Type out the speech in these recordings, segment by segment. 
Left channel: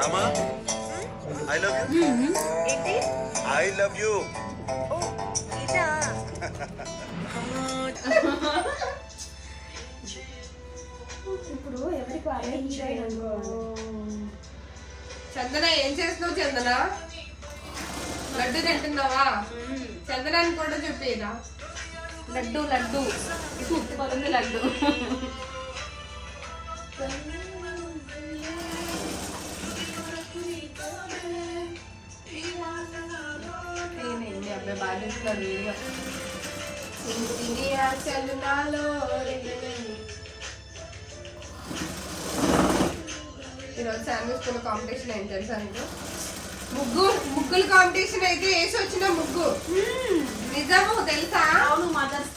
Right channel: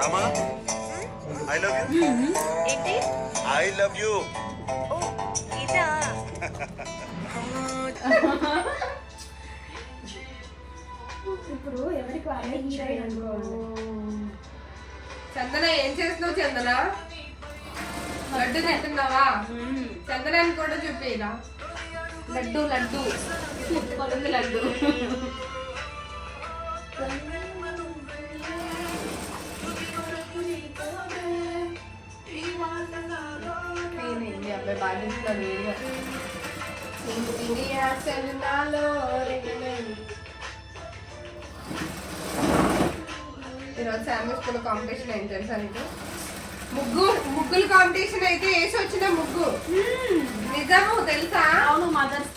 Rama I love you. ఏంటి? I love you. ఓ ఇదా? ఇప్పుడు ఎవరికి వాళ్ళే హీరోయిన్ అనుకోవాలి. చందన ఏం చేస్తున్నావు? చందన లడ్డు తింటున్నావా? చందనాన్ని కూడా చూపిరా. లడ్డు లడ్డు సూపర్ ఉంది లడ్డు. అబ్బాయి బాగా చూస్తున్నాడు వీడియో. ఇండియా చందనాలో ఈరోజు శామ్యూ స్కూల్ కాంపిటీషన్ అయింది తెలుసా నీకు? ముగ్గులు కాంపిటీషన్ అయితే వేసి వచ్చిన ముగ్గు నిజము తెలుసా? అవును మదర్స్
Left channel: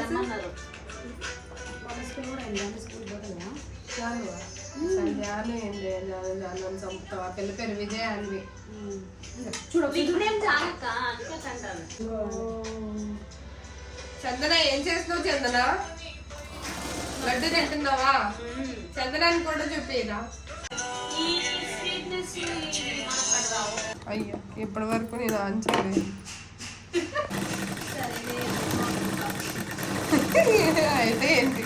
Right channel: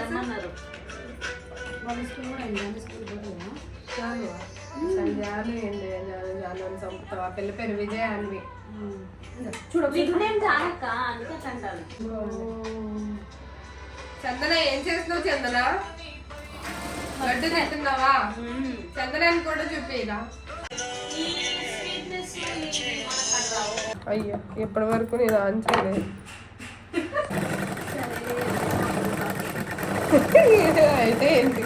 రమ్మన్నారు. వాళ్ళ స్కూల్ పోతుందా? జాను జాను ఏంది జాను జాను అని చంపుతావా? పిల్ల పేరు విజయ అన్వి. చందన ఏం చేస్తున్నావు? చందన లడ్డు తింటున్నావా? చందనాన్ని కూడా చూపిరా. అయ్యో ఇప్పటి వరకు నేను ఆన్సర్ అయితే ఏంటి?